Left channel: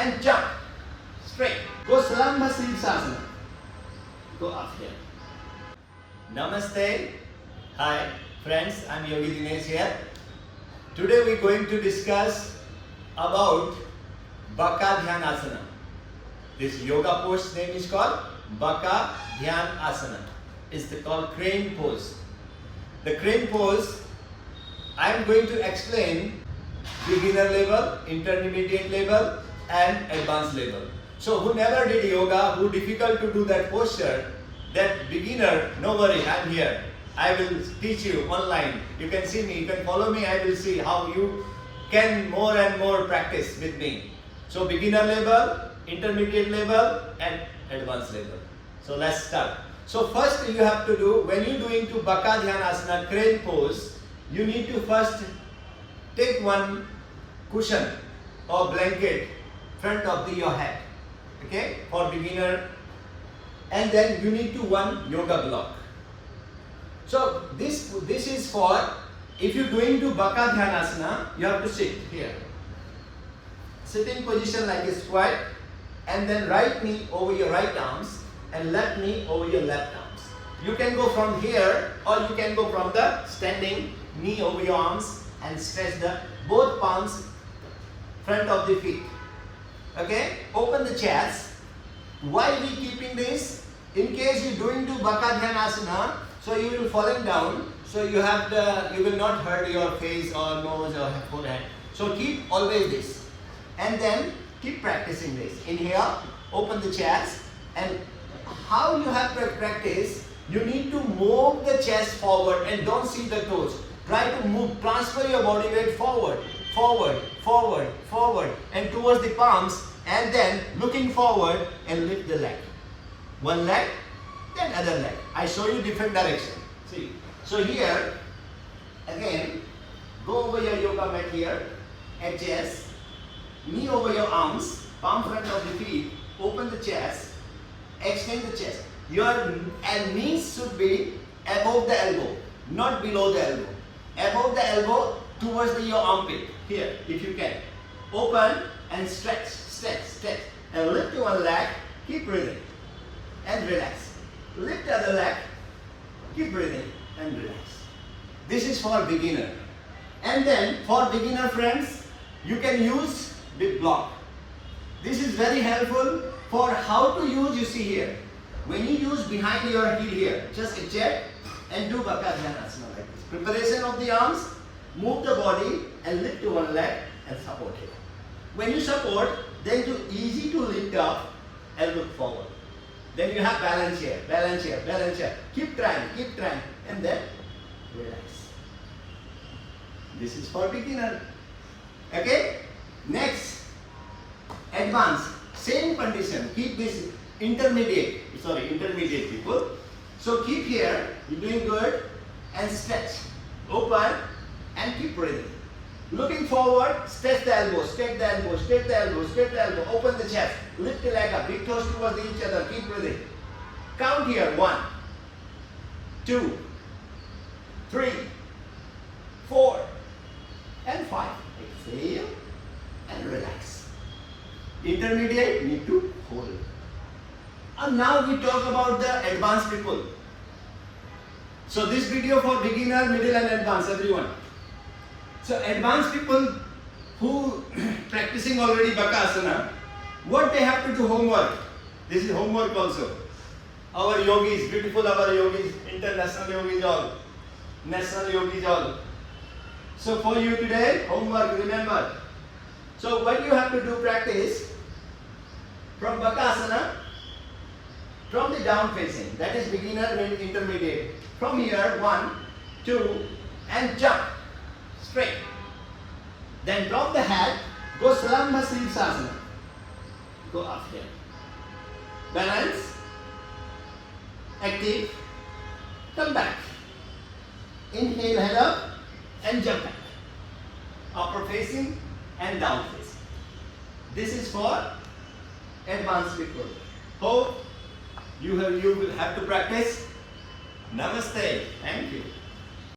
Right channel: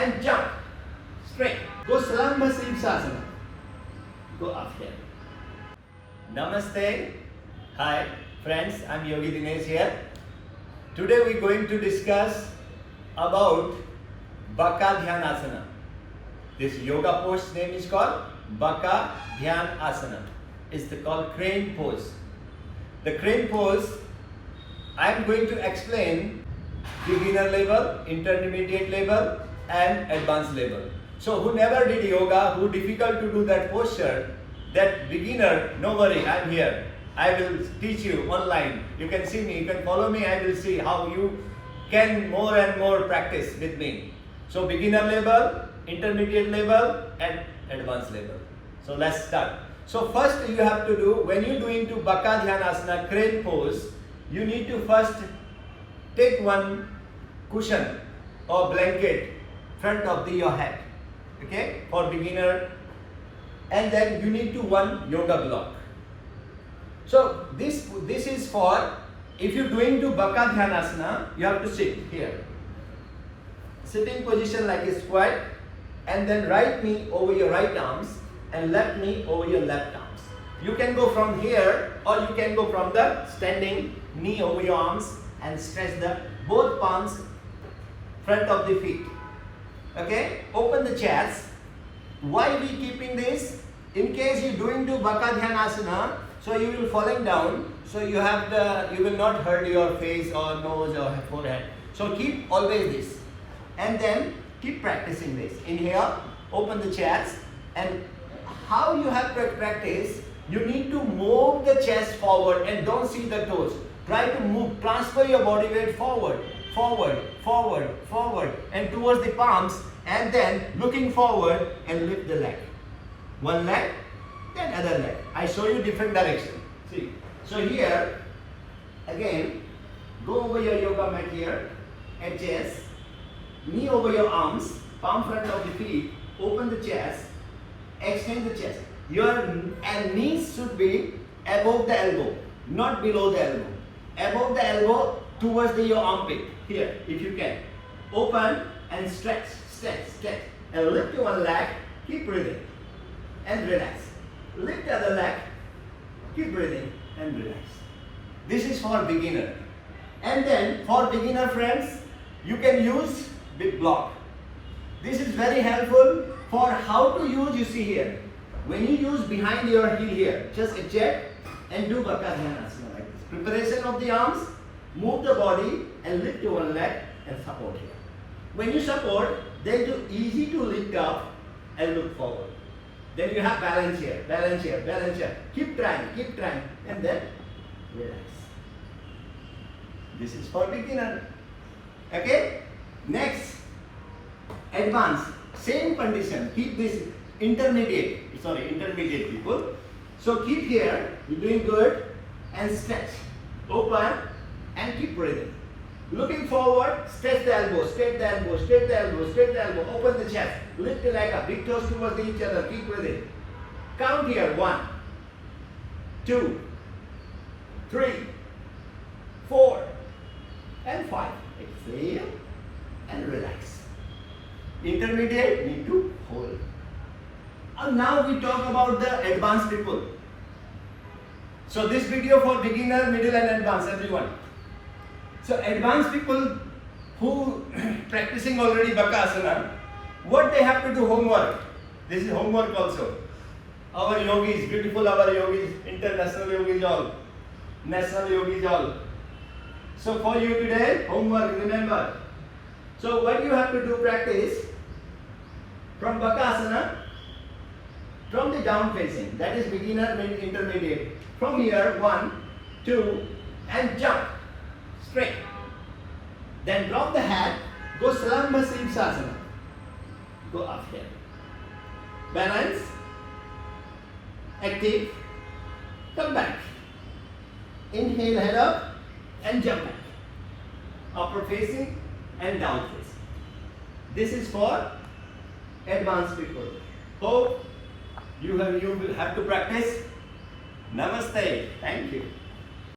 and jump straight. Go Sun Salutations. Go up here. Namaste. Hi friends, I'm Yogi Dinesh here. Today we're going to discuss about Baka Dhyanasana. This yoga pose name is called Baka Dhyanasana. It's called crane pose. The crane pose, I am going to explain beginner level, intermediate level and advanced level. So who never did yoga, who difficult to do that posture, that beginner, no worry, I'm here. I will teach you online. You can see me, you can follow me, I will see how you can more and more practice with me. So beginner level, intermediate level and advanced level. So let's start. So first you have to do, when you're doing to Baka Dhyanasana crane pose, you need to first take one cushion or blanket front of your head, okay, for beginner, and then you need to one yoga block. So this is for, if you're doing to Baka Dhyanasana, you have to sit here. Sitting position like a squat, and then right knee over your right arms and left knee over your left arms. You can go from here or you can go from the standing knee over your arms and stretch the both palms front of the feet. Okay, open the chest. Why we keeping this? In case you're doing to Baka Dhyanasana, so you will falling down, so you will not hurt your face or nose or forehead. So keep always this, and then keep practicing this. Inhale, open the chest, and how you have to practice, you need to move the chest forward and don't see the toes. Try to move, transfer your body weight forward, forward, forward, forward, and towards the palms, and then looking forward and lift the leg. One leg, then other leg. I show you different direction. See, so here, again, go over your yoga mat here, adjust, knee over your arms, palm front of the feet, open the chest, extend the chest. Your knees should be above the elbow, not below the elbow. Above the elbow towards your armpit, here, if you can. Open and stretch, stretch, stretch. And lift one leg, keep breathing, and relax. Lift the other leg, keep breathing, and relax. This is for beginner. And then, for beginner friends, you can use big block. This is very helpful for how to use, you see here. When you use behind your heel here, just eject and do Baka Dhyanasana like this. Preparation of the arms, move the body and lift one leg and support here. When you support, then it's easy to lift up and look forward. Then you have balance here, balance here, balance here. Keep trying, and then relax. This is for beginner. Okay? Next, advanced. Same condition. Keep this intermediate people. So keep here, you're doing good, and stretch. Open and keep breathing. Looking forward, stretch the elbow, straight the elbow, straight the elbow, straight the elbow, open the chest, lift the leg up, big toes towards each other, keep breathing. Count here, 1, 2, 3, 4, and 5. Exhale and relax. Intermediate, need to hold. And now we talk about the advanced people. So this video for beginner, middle and advanced, everyone. So advanced people who practicing already Bakasana, what they have to do homework. This is homework also. Our yogis, beautiful our yogis, international yogis all, national yogis all. So for you today, homework, remember. So what you have to do, practice from Bakasana, from the down facing, that is beginner and intermediate. From here, 1, 2, and jump straight. Then drop the head, go Sun Salutations. Go up here. Balance, active, come back. Inhale, head up, and jump back. Upper facing and down facing. This is for advanced people. Hope you will have to practice. Namaste. Thank you.